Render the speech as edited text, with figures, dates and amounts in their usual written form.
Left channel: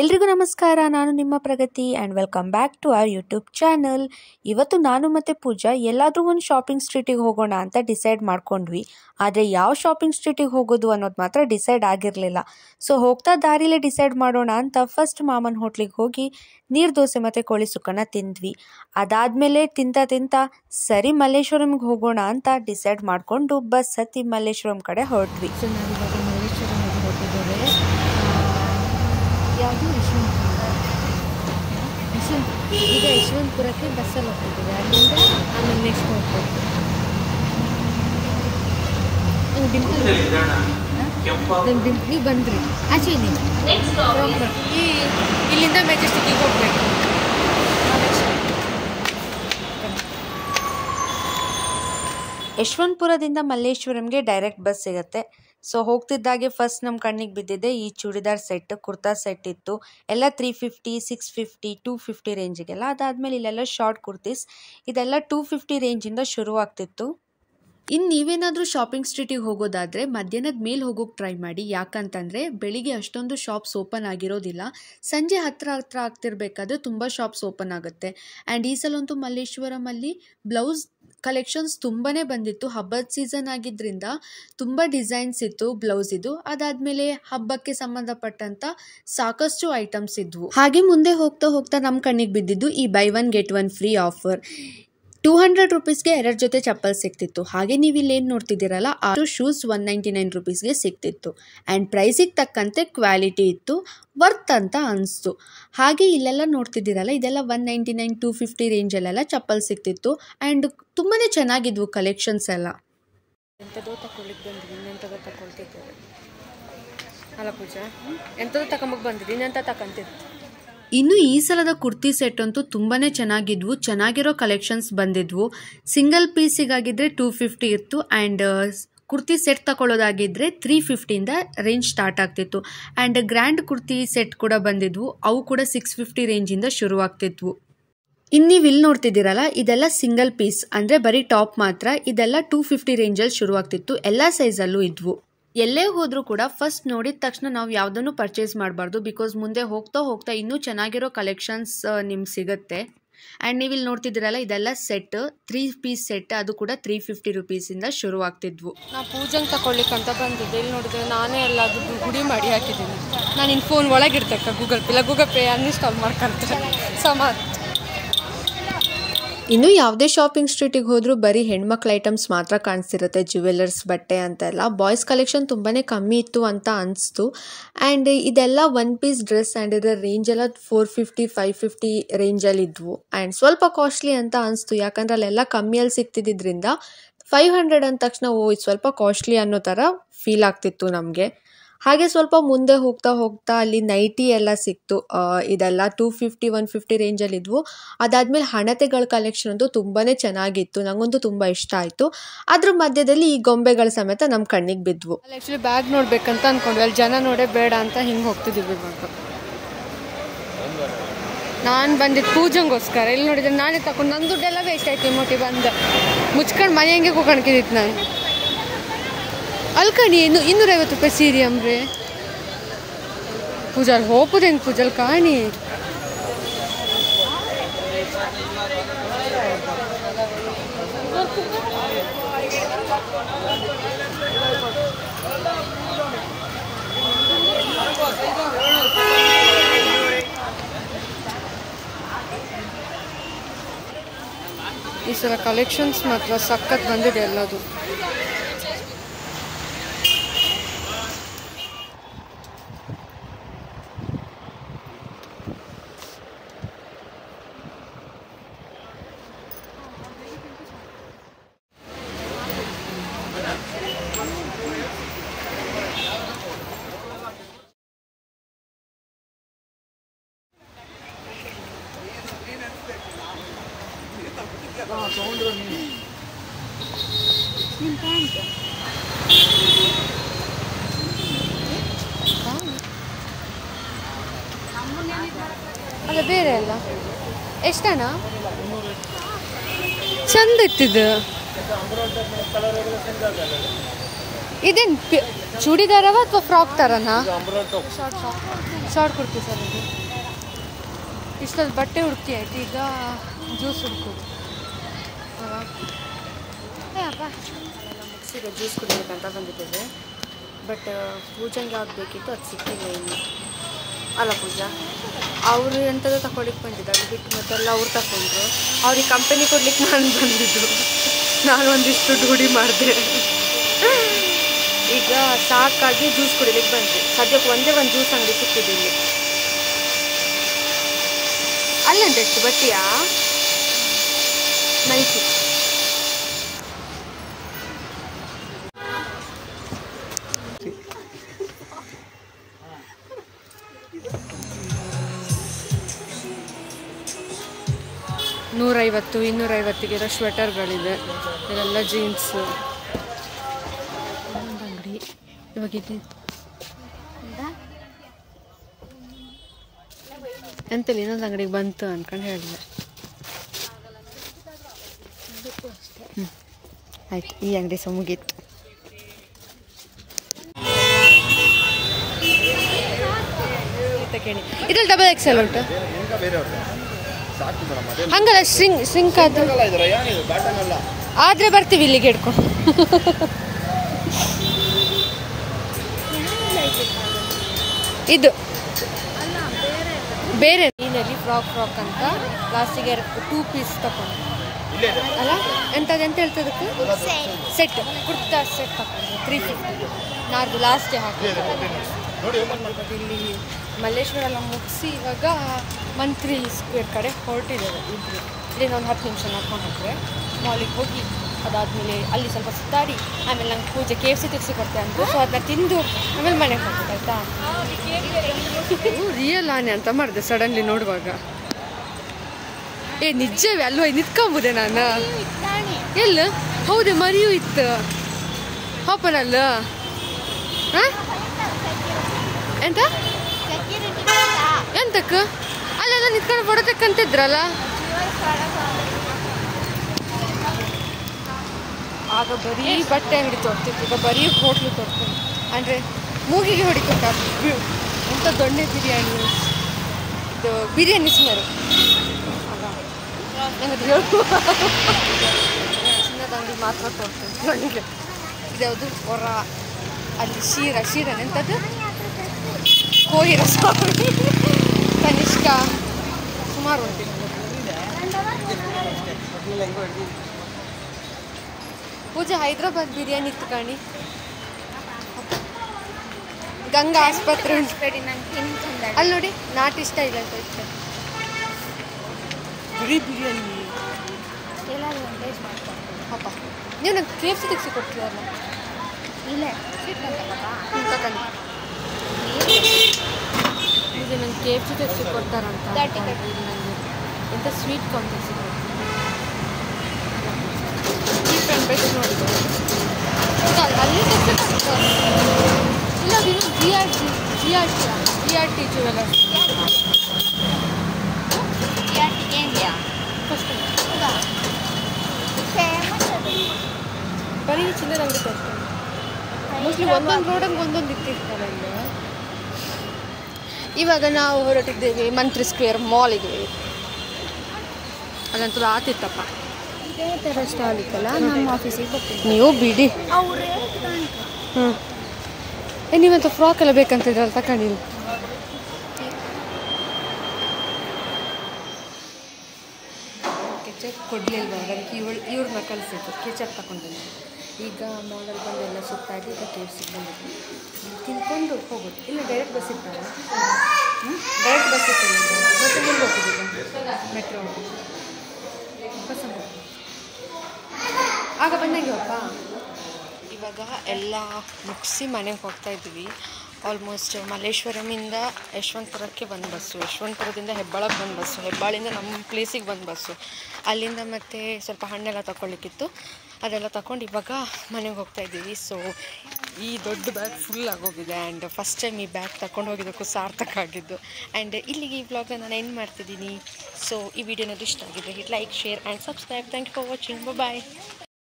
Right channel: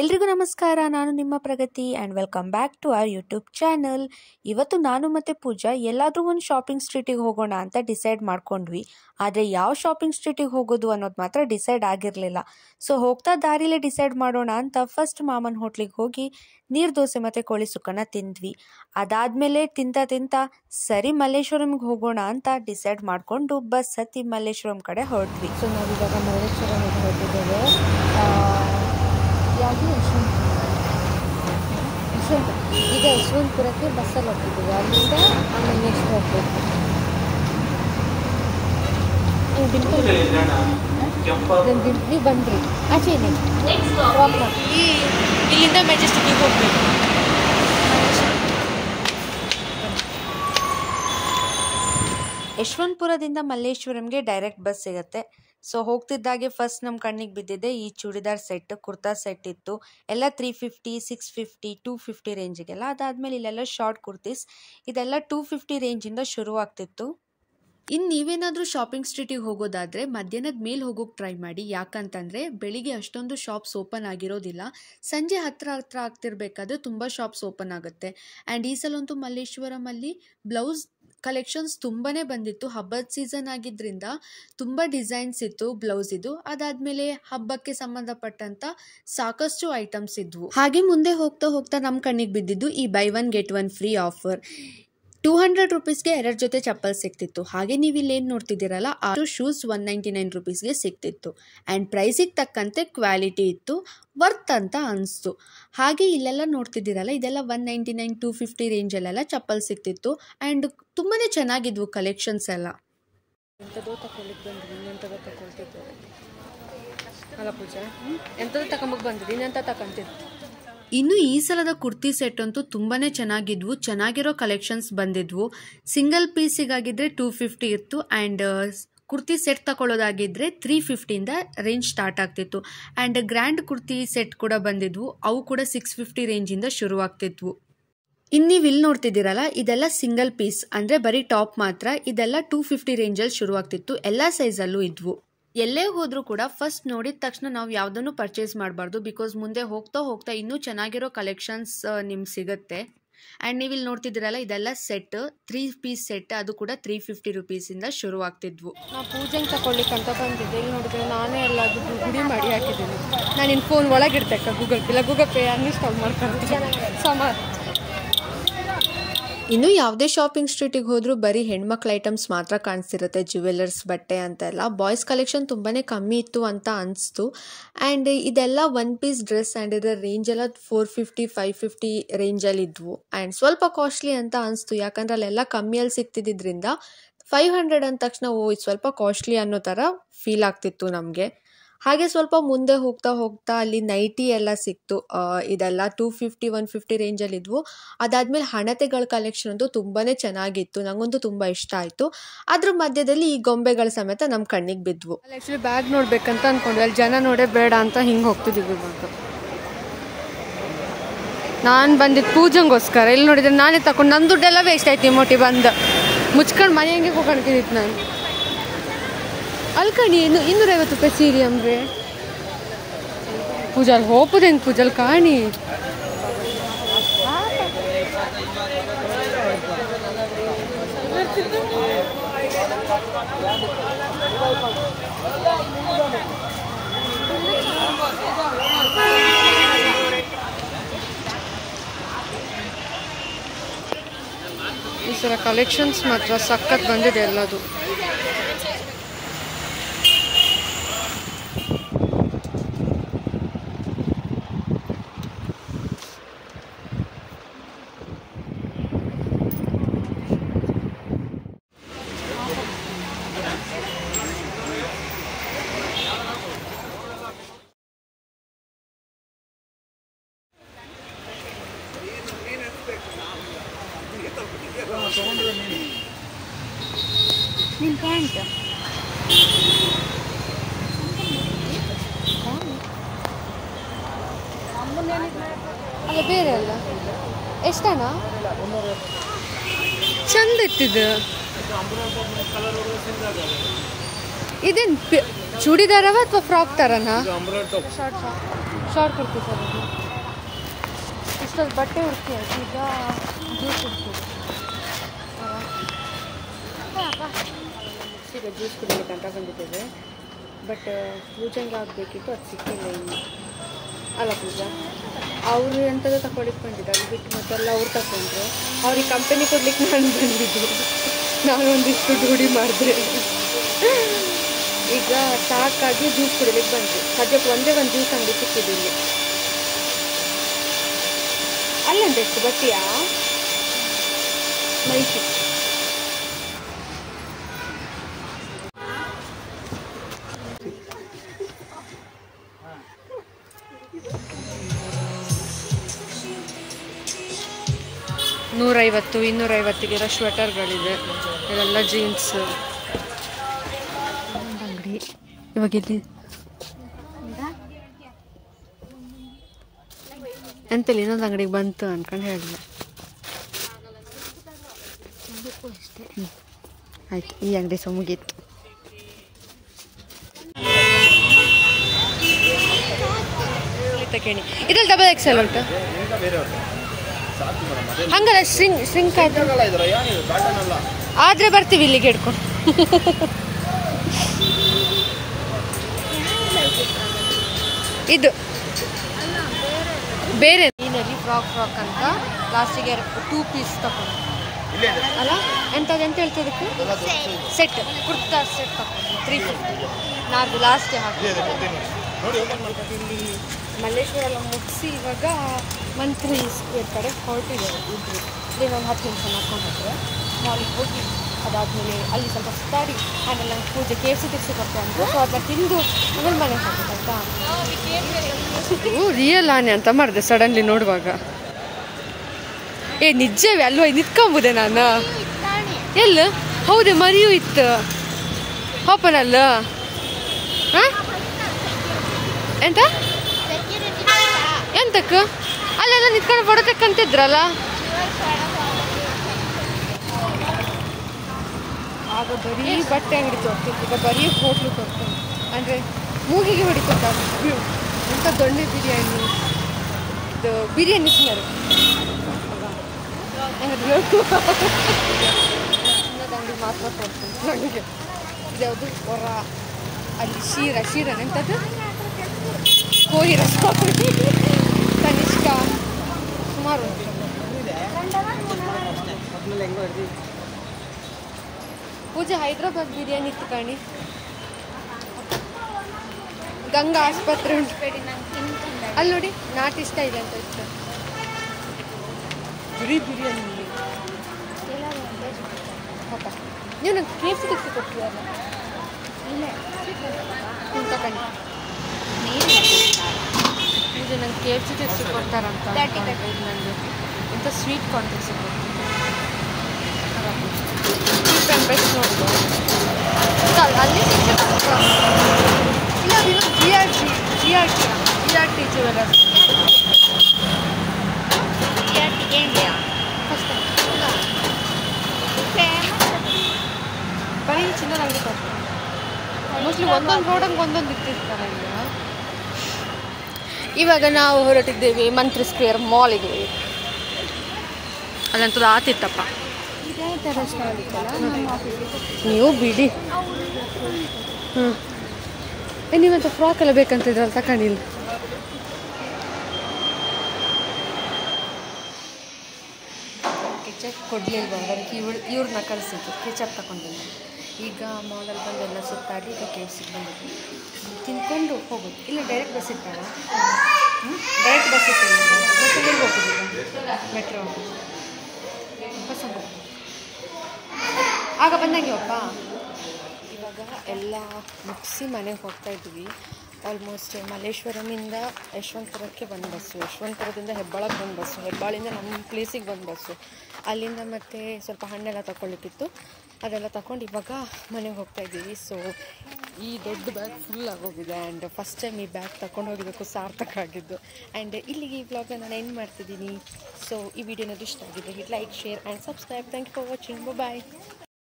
ಎಲ್ರಿಗೂ ನಮಸ್ಕಾರ. ನಾನು ನಿಮ್ಮ Pragati and welcome back to our YouTube channel. ಇವತ್ತು ನಾನು ಮತ್ತು ಪೂಜಾ ಎಲ್ಲಾದರೂ ಒಂದು ಶಾಪಿಂಗ್ ಸ್ಟ್ರೀಟಿಗೆ ಹೋಗೋಣ ಅಂತ ಡಿಸೈಡ್ ಮಾಡ್ಕೊಂಡ್ವಿ. ಆದರೆ ಯಾವ ಶಾಪಿಂಗ್ ಸ್ಟ್ರೀಟಿಗೆ ಹೋಗೋದು ಅನ್ನೋದು ಮಾತ್ರ ಡಿಸೈಡ್ ಆಗಿರಲಿಲ್ಲ. ಸೊ ಹೋಗ್ತಾ ದಾರಿಲೇ ಡಿಸೈಡ್ ಮಾಡೋಣ ಅಂತ ಫಸ್ಟ್ ಮಾಮನ ಹೋಟ್ಲಿಗೆ ಹೋಗಿ ನೀರು ದೋಸೆ ಮತ್ತು ಕೋಳಿ ಸುಕ್ಕನ ತಿಂದ್ವಿ. ಅದಾದಮೇಲೆ ತಿಂತ ಸರಿ ಮಲ್ಲೇಶ್ವರಂಗೆ ಹೋಗೋಣ ಅಂತ ಡಿಸೈಡ್ ಮಾಡಿಕೊಂಡು ಬಸ್ ಹತ್ತಿ ಮಲ್ಲೇಶ್ವರಂ ಕಡೆ ಹೊರಟ್ವಿ. ಸೊ ನಾವಿವಾಗ ಮಲ್ಲೇಶ್ವರಂಗೆ ಹೊರಟಿದ್ದೇವೆ. ಯಾವುದು ಈಗ ಯಶವಂತಪುರಕ್ಕೆ ಬಸ್ಸಲ್ಲಿ ಹೋಗ್ತಿದ್ದೀವಿ. ಅಲ್ಲಿಂದ ಆಮೇಲೆ ನೆಕ್ಸ್ಟ್ ಹೋಗ್ಬೇಕು. ನೀವು ಬಂದ್ರಿ ಆಚೆ ಇಲ್ಲಿಂದ ಮೆಜೆಸ್ಟಿಕ್ಕಿಗೆ ಹೋಗ್ಬೇಕು. ಯಶವಂತಪುರದಿಂದ ಮಲ್ಲೇಶ್ವರಂಗೆ ಡೈರೆಕ್ಟ್ ಬಸ್ ಸಿಗುತ್ತೆ. ಸೊ ಹೋಗ್ತಿದ್ದಾಗೆ ಫಸ್ಟ್ ನಮ್ಮ ಕಣ್ಣಿಗೆ ಬಿದ್ದಿದೆ ಈ ಚೂಡಿದಾರ್ ಸೆಟ್, ಕುರ್ತಾ ಸೆಟ್ ಇತ್ತು. ಎಲ್ಲ 350, 650, 250 ರೇಂಜಿಗೆಲ್ಲ. ಅದಾದಮೇಲೆ ಇಲ್ಲೆಲ್ಲ ಶಾರ್ಟ್ ಕುರ್ತೀಸ್, ಇದೆಲ್ಲ 250 ರೇಂಜಿಂದ ಶುರು ಆಗ್ತಿತ್ತು. ಇನ್ನು ನೀವೇನಾದರೂ ಶಾಪಿಂಗ್ ಸ್ಟ್ರೀಟಿಗೆ ಹೋಗೋದಾದರೆ ಮಧ್ಯಾಹ್ನದ ಮೇಲೆ ಹೋಗೋಕೆ ಟ್ರೈ ಮಾಡಿ. ಯಾಕಂತಂದರೆ ಬೆಳಿಗ್ಗೆ ಅಷ್ಟೊಂದು ಶಾಪ್ಸ್ ಓಪನ್ ಆಗಿರೋದಿಲ್ಲ. ಸಂಜೆ ಹತ್ರ ಆಗ್ತಿರ್ಬೇಕಾದ್ರೆ ತುಂಬ ಶಾಪ್ಸ್ ಓಪನ್ ಆಗುತ್ತೆ. ಆ್ಯಂಡ್ ಈ ಸಲ ಅಂತೂ ಮಲ್ಲೇಶ್ವರಮಲ್ಲಿ ಬ್ಲೌಸ್ ಕಲೆಕ್ಷನ್ಸ್ ತುಂಬಾ ಬಂದಿತ್ತು. ಹಬ್ಬದ ಸೀಸನ್ ಆಗಿದ್ದರಿಂದ ತುಂಬ ಡಿಸೈನ್ಸ್ ಇತ್ತು ಬ್ಲೌಸಿದು. ಅದಾದಮೇಲೆ ಹಬ್ಬಕ್ಕೆ ಸಂಬಂಧಪಟ್ಟಂಥ ಸಾಕಷ್ಟು ಐಟಮ್ಸ್ ಇದ್ವು. ಹಾಗೆ ಮುಂದೆ ಹೋಗ್ತಾ ನಮ್ಮ ಕಣ್ಣಿಗೆ ಬಿದ್ದಿದ್ದು ಈ ಬೈ 1 get 1 ಫ್ರೀ ಆಫರ್. 200 ರೂಪೀಸ್ಗೆ 2 ಜೊತೆ ಚಪ್ಪಲ್ ಸಿಕ್ತಿತ್ತು. ಹಾಗೆ ನೀವು ಇಲ್ಲೇನು ನೋಡ್ತಿದ್ದೀರಲ್ಲ ಆ ಶೂಸ್ 199 ರೂಪೀಸ್ಗೆ ಸಿಕ್ತಿತ್ತು. ಆ್ಯಂಡ್ ಪ್ರೈಸಿಗೆ ತಕ್ಕಂತೆ ಕ್ವಾಲಿಟಿ ಇತ್ತು, ವರ್ತ್ ಅಂತ ಅನಿಸ್ತು. ಹಾಗೆ ಇಲ್ಲೆಲ್ಲ ನೋಡ್ತಿದ್ದೀರಲ್ಲ ಇದೆಲ್ಲ 199, 250 ರೇಂಜಲ್ಲೆಲ್ಲ ಚಪ್ಪಲ್ ಸಿಕ್ತಿತ್ತು. ಆ್ಯಂಡ್ ತುಂಬಾ ಚೆನ್ನಾಗಿದ್ವು ಕಲೆಕ್ಷನ್ಸ್ ಎಲ್ಲ. ಎಂಥದೋ ತಗೊಳ್ಳಿಕ್ಕೆ ಬಂದ್ರಿ, ಇನ್ನೆಂಥದೋ ತಗೊಳ್ತಿದ್ದೇವೆ ಅಲ್ಲ ಪೂಜಾ? ಎಂಥದೋ ತಗೊಂಬಕ್ಕೆ ಬಂದ್ರಿ, ಇನ್ನೆಂಥ ತಗೊಂತಿದ್ದು. ಇನ್ನು ಈ ಸಲದ ಕುರ್ತಿ ಸೆಟ್ ಅಂತೂ ತುಂಬಾ ಚೆನ್ನಾಗಿದ್ವು. ಚೆನ್ನಾಗಿರೋ ಕಲೆಕ್ಷನ್ಸ್ ಬಂದಿದ್ವು. ಸಿಂಗಲ್ ಪೀಸಿಗಾಗಿದ್ದರೆ 250 ಇತ್ತು. ಆ್ಯಂಡ್ ಕುರ್ತಿ ಸೆಟ್ ತಗೊಳ್ಳೋದಾಗಿದ್ದರೆ 350ಇಂದ ರೇಂಜ್ ಸ್ಟಾರ್ಟ್ ಆಗ್ತಿತ್ತು. ಆ್ಯಂಡ್ ಗ್ರ್ಯಾಂಡ್ ಕುರ್ತಿ ಸೆಟ್ ಕೂಡ ಬಂದಿದ್ವು. ಅವು ಕೂಡ 650 ರೇಂಜಿಂದ ಶುರು ಆಗ್ತಿದ್ವು. ಇನ್ನು ನೀವು ಇಲ್ಲಿ ನೋಡ್ತಿದ್ದೀರಲ್ಲ ಇದೆಲ್ಲ ಸಿಂಗಲ್ ಪೀಸ್, ಅಂದರೆ ಬರೀ ಟಾಪ್ ಮಾತ್ರ. ಇದೆಲ್ಲ 250 ರೇಂಜಲ್ಲಿ ಶುರು ಆಗ್ತಿತ್ತು. ಎಲ್ಲ ಸೈಜಲ್ಲೂ ಇದ್ವು. ಎಲ್ಲೇ ಹೋದರೂ ಕೂಡ ಫಸ್ಟ್ ನೋಡಿದ ತಕ್ಷಣ ನಾವು ಯಾವುದನ್ನು ಪರ್ಚೇಸ್ ಮಾಡಬಾರ್ದು. ಬಿಕಾಸ್ ಮುಂದೆ ಹೋಗ್ತಾ ಇನ್ನೂ ಚೆನ್ನಾಗಿರೋ ಕಲೆಕ್ಷನ್ಸ್ ನಿಮ್ಗೆ ಸಿಗುತ್ತೆ. ಆ್ಯಂಡ್ ನೀವು ಇಲ್ಲಿ ನೋಡ್ತಿದ್ದೀರಲ್ಲ ಇದೆಲ್ಲ ಸೆಟ್ 3 ಪೀಸ್ ಸೆಟ್, ಅದು ಕೂಡ 350 ರೂಪೀಸಿಂದ ಶುರು ಆಗ್ತಿದ್ವು. ನಾವು ಪೂಜೆಗೆ ತಗೊಳ್ಲಿಕ್ಕೆ ಅಂತ ಬಂದಿದ್ದೆ. ಇಲ್ಲಿ ನೋಡಿದ್ರೆ ನಾನೇ ಎಲ್ಲ ದುಡ್ಡು ಗುಡಿ ಮಾಡಿ ಹಾಕಿದ್ದೀನಿ. ನಾನು ಇನ್ನು ಫೋನ್ ಒಳಗಿರ್ತಕ್ಕ ಗೂಗಲ್ ಪೇ ಅನ್ಇನ್ಸ್ಟಾಲ್ ಮಾಡ್ಕೊಳ್ತೀನಿ ಸಮಾನ. ಇನ್ನು ಯಾವುದೇ ಶಾಪಿಂಗ್ ಸ್ಟ್ರೀಟಿಗೆ ಹೋದರೂ ಬರೀ ಹೆಣ್ಮಕ್ಳ ಐಟಮ್ಸ್ ಮಾತ್ರ ಕಾಣಿಸ್ತಿರುತ್ತೆ, ಜ್ಯುವೆಲರ್ಸ್, ಬಟ್ಟೆ ಅಂತೆಲ್ಲ. ಬಾಯ್ಸ್ ಕಲೆಕ್ಷನ್ ತುಂಬಾ ಕಮ್ಮಿ ಇತ್ತು ಅಂತ ಅನಿಸ್ತು. ಆ್ಯಂಡ್ ಇದೆಲ್ಲ 1 ಪೀಸ್ ಡ್ರೆಸ್. ಆ್ಯಂಡ್ ಇದರ ರೇಂಜ್ ಎಲ್ಲ 450, 550 ರೇಂಜಲ್ಲಿ ಇದ್ವು. ಆ್ಯಂಡ್ ಸ್ವಲ್ಪ ಕಾಸ್ಟ್ಲಿ ಅಂತ ಅನಿಸ್ತು. ಯಾಕಂದರೆ ಅಲ್ಲೆಲ್ಲ ಕಮ್ಮಿಯಲ್ಲಿ ಸಿಗ್ತಿದ್ದರಿಂದ 500 ಅಂದ ತಕ್ಷಣ ಇದು ಸ್ವಲ್ಪ ಕಾಸ್ಟ್ಲಿ ಅನ್ನೋ ಥರ ಫೀಲ್ ಆಗ್ತಿತ್ತು ನಮಗೆ. ಹಾಗೆ ಸ್ವಲ್ಪ ಮುಂದೆ ಹೋಗ್ತಾ ಅಲ್ಲಿ ನೈಟಿ ಎಲ್ಲ ಸಿಕ್ತು. ಇದೆಲ್ಲ 250, 150 ರೇಂಜಲ್ಲಿ ಇದ್ವು. ಅದಾದಮೇಲೆ ಹಣತೆಗಳ ಕಲೆಕ್ಷನ್ ಅಂತೂ ತುಂಬಾ ಚೆನ್ನಾಗಿತ್ತು. ನನಗಂತೂ ತುಂಬ ಇಷ್ಟ ಆಯಿತು. ಅದ್ರ ಮಧ್ಯದಲ್ಲಿ ಈ ಗೊಂಬೆಗಳ ಸಮೇತ ನಮ್ಮ ಕಣ್ಣಿಗೆ ಬಿದ್ವು. ಅಲ್ಲಿ ಆ್ಯಕ್ಚುಲಿ ಬ್ಯಾಗ್ ನೋಡ್ಬೇಕಂತ ಅಂದ್ಕೊಂಡ್ವಿ. ಅಲ್ಲಿ ಜನ ನೋಡೇ ಬೇಡ ಅಂತ ಹಿಂಗೆ ಹೋಗ್ತಿದ್ದೀವಿ ಇವಾಗ. ನಾನು ಬಂದಿದ್ದು ಪೂಜೆಗೋಸ್ಕರ. ಇಲ್ಲಿ ನೋಡಿದ್ರೆ ನಾನೇ ತಗೊಂಡು ನನ್ನ ದುಡ್ಡೆಲ್ಲ ವೇಸ್ಟ್ ಆಯ್ತು. ಇಮೋಟಿ ಬಂದು ಮುಚ್ಕೊಂಡು ಮನೆ ಹೆಂಗೆ ಹೋಗ್ಕೊಂಡಿದ್ದಿತ್ತು ನಾನು. ಅಲ್ಕಣಿ 250 ರೂಪಾಯಿ ಸೀರೆ ಅಂಬ್ರೆ ಪೂಜಾಲ್ ಹೋಗ್ಬೋದೇನು ಪೂಜಾಲ್ ಕಾಣಿ. ಈ ಸಲ ಕಲೆಕ್ಷನ್ಸ್ ಮಾತ್ರ ಸಖತ್ ಬಂದಿದೆ ಎಲ್ಲದು. ಅಲ್ಲ ಬೇರೆ ಅಲ್ಲ ಎಷ್ಟಣ್ಣ? ಚಂದ ಇತ್ತಿದ್ದು. ಇದೇನು ಚೂಡಿದಾರವ ಅಥವಾ ಫ್ರಾಕ್ ಥರನಾ? ಶಾರ್ಟ್ ಕುರ್ತಿ ಸರ್ ಅದು. ಇಷ್ಟೊಂದು ಬಟ್ಟೆ ಹುಡುಕಿ ಆಯ್ತು, ಈಗ ಜ್ಯೂಸ್ ಹುಡುಕೋದು. ಮುಗಿಸಿದ ಜ್ಯೂಸ್ ಕುಡಿಲಿಕ್ಕೆ ಅಂತ ಬಂದಿದ್ದೇವೆ. ಬಟ್ ಪೂಜೆಗೆ ಆಗಬೇಕಿತ್ತು, ಅದು ಸಿಕ್ಕಿಲ್ಲ ಇನ್ನು. ಅಲ್ಲ ಪೂಜಾ ಅವರು ಎಂಥದ್ದು ತಗೊಳ್ಳಿಕ್ಕೆ ಬಂದಿದ್ದು, ಅದು ಬಿಟ್ಟು ಮತ್ತೆಲ್ಲ ಅವ್ರು ತಗೊಂಡ್ರು. ಅವ್ರಿಗೆ ಕಂಪನಿ ಕೊಡ್ಲಿಕ್ಕೆ ನಾನು ಬಂದಿದ್ದು, ನಾನು ಒಂದಿಷ್ಟು ದುಡಿ ಮಾಡಿದೆ. ಈಗ ಸಾಕಾಗಿ ಜ್ಯೂಸ್ ಕುಡಿಲಿಕ್ಕೆ ಬಂದೆ. ಸದ್ಯಕ್ಕೆ ಒಂದೇ ಒಂದು ಜ್ಯೂಸ್ ಅಂಗಡಿ ಸಿಕ್ಕಿದ್ದು ಇಲ್ಲಿ. ಅಲ್ಲೆಂತ ಇತ್ತು ಬಟ್ಟೆಯಾ ನೈಟಿ. $150, $250 ಸ್ವೆಟರ್ಗಳಿದೆ. ಇದೆಲ್ಲ ಜೀನ್ಸ್ ಅಂಗಡಿ. ಇವಾಗ ಎಂತಲ್ಲಿ ಇನ್ನೊಂದು ಅಂಗಡಿಗೆ ಬಂತು ಅನ್ಕೊಂಡು ಹೇಳಿದೆ. ಆಯ್ತು, ಈ ಅಂಗಡಿ ಸಹ ಮುಗೀತು. ಕೇಳಿ ಇದ್ರಲ್ಲಿ ಡಬಲ್ XL ಉಂಟು. ಹಂಗಲ್ಲ ಸಿಂಕ್ ಆದ್ರೆ ಬರ್ತೀವಿ ಇಲ್ಲಿಗೆ ಹಿಡ್ಕೊಂಡು. ಇದು ಬೇರೆ ನೀನಲ್ಲಿ ಫ್ರಾಕ್ ಅಂತ ಲಾಸ್ಟಿಗೆ 2 ಪೀಸ್ ತಗೊಂಡು ಅಲ್ಲ ಎಂತ ಹೇಳ್ತದಕ್ಕೆ ಸೆಟ್ ಕುರ್ತಾ ಸೆಟ್ ತಗೊಂಡು 350. ನಾಲ್ಕು ಲಾಸ್ಟಿಗೆ ಹಾಕಿ ಇಲ್ಲಿ ಮಲ್ಲೇಶ್ವರ ಎಲ್ಲ ಮುಗಿಸಿ ಇವಾಗ ಮಂತ್ರಿ ಸ್ಕ್ವೇರ್ ಕಡೆ ಹೊರಟಿದ್ದೇವೆ ಇಬ್ಬರು. ಇಲ್ಲಿಂದ ಒಂದು 10 ನಿಮಿಷ ನಡ್ಕೊಂಡು ಹೋದರೆ ಮಾಲಿಗೆ ಹೋಗಿ ಅದಾದಮೇಲೆ ಅಲ್ಲಿ ಸ್ವಲ್ಪ ಸುತ್ತಾಡಿ ಆಮೇಲೆ ನಂಗೆ ಪೂಜೆ KFC ತಿರ್ಸಿ ಕೊಡ್ತೆ ಅಂದರು. ಸೊ ಅದನ್ನ ತಿಂದು ಆಮೇಲೆ ಮನೆಗೆ ಹೋಗ್ಬೇಕು ಆಯಿತಾ. ರಿಯಲ್ ಆನೆ ಅಂತ ಮಾಡಿದೆ ಸಡನ್ಲಿ ನೋಡುವಾಗ. ನಿಜವೇ ಅಲ್ವಾ, ನಿತ್ಕೊಂಬುದೆ ನಾನು ಎಲ್ಲ. ಹೌದೇ ಮರಿಯೂ ಇತ್ತು ಹಾಪನಲ್ಲ. ಹಾಂ ಎಂತ ಎಂತಕ್ಕ ಅಲ್ಲೆಲ್ಲ ನಿತ್ಕೊಂಡು ಬಡತಕ್ಕಂತಿದ್ರಲ್ಲ. ಆಗ ಬರೀ ಬಟ್ಟೆ ಅಂಗಡಿ ತೋರ್ತಿತ್ತು, ಈಗ ಬರೀ ಹೋಟ್ಲು ತೋರ್ತೀನಿ. ಅಂದರೆ ಮೂಗಿಗೆ ಹೊಡಿತಕ್ಕ ಎಂಥ ದೊಣ್ಣೆ ಬಿರಿಯಾನಿ, ಇದು ಬಿರಿಯಾನಿ ಸ್ಮೆಲ್ ಅಲ್ಲ. ನನಗೆ ಚಿನ್ನದ ಅಂಗಡಿ ಮಾತ್ರ ತೋರ್ತೀನಿ ನನಗೆ. ಇದ್ಯಾವುದು ಹೊರ ಅಲ್ಲಿ ಶೀರನ ಎಂಥದ್ದು ಕೋಹಿರ ಸ್ವಾಮಿ ಕನಿಷ್ಕ ಸುಮಾರು ಉಂಟು. ಪೂಜೆ ಹೈದ್ರಾಬಾದ್ ಬಿರಿಯಾನಿ ಇತ್ತು ಕಾಣಿ. ಗಂಗಾ ಆಸ್ಪತ್ರೆ ಉಂಟು ಅಲ್ಲಿ ನೋಡಿ, ನಾಟಿ ಸ್ಟೈಲ್ ಅಂತ ಇತ್ತು ಬರೀ ಬಿರಿಯಾನಿ. ಪಾಪ ನೀವು ನಂಗೆ KFC ತೆಗ್ಸಿ ಕೊಡ್ತೀವಲ್ಲ ತಗೊಂಡು. ಪೂಜೆ ನಂಗೆ KFC ತೆಗ್ಸಿ ಕೊಡ್ತಾರಂತ ಇಲ್ಲಿ ನನಗೆ ಎಂಥ ಸ್ವೀಟ್ ಕಾರ್ನ್ ತೆಗ್ಸಿ ಕೊಡ್ತೀನಿ. ಚೀಪ್ ಆ್ಯಂಡ್ ಬೆಸ್ಟ್ ನೋಡಿದ್ದು ಅಲ್ಲಿ ತೆಗ್ಸಕ್ಕೆ ಇಲ್ಲ. ಅದು GRT ಜ್ಯುವೆಲರ್ಸ್ ಫಸ್ಟ್ ಬರೀ ಚಿನ್ನದ ಅಂಗಡಿ ಕೊಡ್ತಾರೆ. ಮೋಸ್ಟ್ಲಿ ಒಂದೊಂದು ರೋಡಂಗೆ ಒಂದೊಂದು ಇಟ್ಟಿರ್ತಾರೆ ಇಲ್ಲಿ. ಇವಾಗ ನಾವು ಹೊರಟಿದ್ದೇವೆ ಮಂತ್ರಿ ಸ್ಕ್ವೇರ್ ಮಾಲಿಗೆ. ಅಲ್ಲಂತೂ ಆತಿತ್ತಪ್ಪ. ನೀವು ಬಿಡಿ. ನೀವಂತ ಫ್ರಾಕ್ ಎಲ್ಲ ಬೇಕಂತಿದ್ರಲ್ಲ ತಗೊಂಡಿಲ್ಲ. ಕೆಚಪ್ ಕೊಡಲಿಲ್ವ ಅದಕ್ಕೆ ಇವ್ರನ್ನ ಕಳಿಸಿದ್ದು. ಕೆಚಪ್ ತಗೊಂಡಿಲ್ಲ. ಈಗ ಮಾಲಲ್ಲಿ ಬಂದೆಲ್ಲ ಸುತ್ತಾಡಿ ಈಗ KFC ಬಂದಿದ್ದು ತಿನ್ಕೊಂಡು ಹೋಗೋದು. ಇಲ್ಲ ಡೈರೆಕ್ಟ್ ಬಸ್ ಇತ್ತಲ್ಲ, ಡೈರೆಕ್ಟ್ ಬಸ್ ಇತ್ತು. ಮತ್ತೆ ಎಲ್ಲಿ ಹೋಗೋದಿಲ್ಲ, ಮೆಟ್ರೋ ಬಸ್ ಆಗ ಬಂದಂಗೆ ಅಪ್ಪ. ಇವಾಗ ಎಲ್ಲ ಮುಗಿಸಿ ಮನೆಗೆ ಹೋಗ್ತಾ ಇದ್ವಿ. ಆಲ್ಮೋಸ್ಟ್ ಮಲ್ಲೇಶ್ವರಮಿಂದ ಯಶವಂತಪುರಕ್ಕೆ ಬಂದು ಬಸ್ಸು, ಯಶವಂತಪುರದಿಂದ ಹೆಬ್ಬಾಳಕ್ಕೆ ಬಂದು ಬಸ್ಸು, ಹೆಬ್ಬಾಳಿಂದ ನಮ್ಮ ಪ್ಲೇಸಿಗೆ ಬಂದು ಬಸ್ಸು. ಅಲ್ಲಿಂದ ಮತ್ತೆ ಸ್ವಲ್ಪ ಹಣ್ಣೆಲ್ಲ ತಗೊಳ್ಳಿಕ್ಕಿತ್ತು, ಅದೆಲ್ಲ ತಗೊಂಡು ಇವಾಗ ಮನೆಗೆ ಹೋಗ್ತಾ ಇದ್ದೀವಿ. ಸೊ ಈ ದೊಡ್ಡ ಬ್ಯಾಗ್ ಫುಲ್ ಆಗೋಗಿದೆ. ಆ್ಯಂಡ್ ಫಸ್ಟ್ ಟೈಮ್ ಈ ಬ್ಯಾಗ್ ತಗೊಂಡು ಹೋಗಿದ್ದಕ್ಕೂ ಸಾರ್ಥಕ ಆಗಿದ್ದು. ಆ್ಯಂಡ್ ಇಲ್ಲಿಗೆ ಈ ವ್ಲಾಗ್ನ ನಾನು ಎಂಡ್ ಮಾಡ್ತಿದ್ದೀನಿ. ಸೊ ಈ ವಿಡಿಯೋನದು ಇಷ್ಟ ಆಗಿದೆ, like, share and subscribe. Thank you for watching. Bye.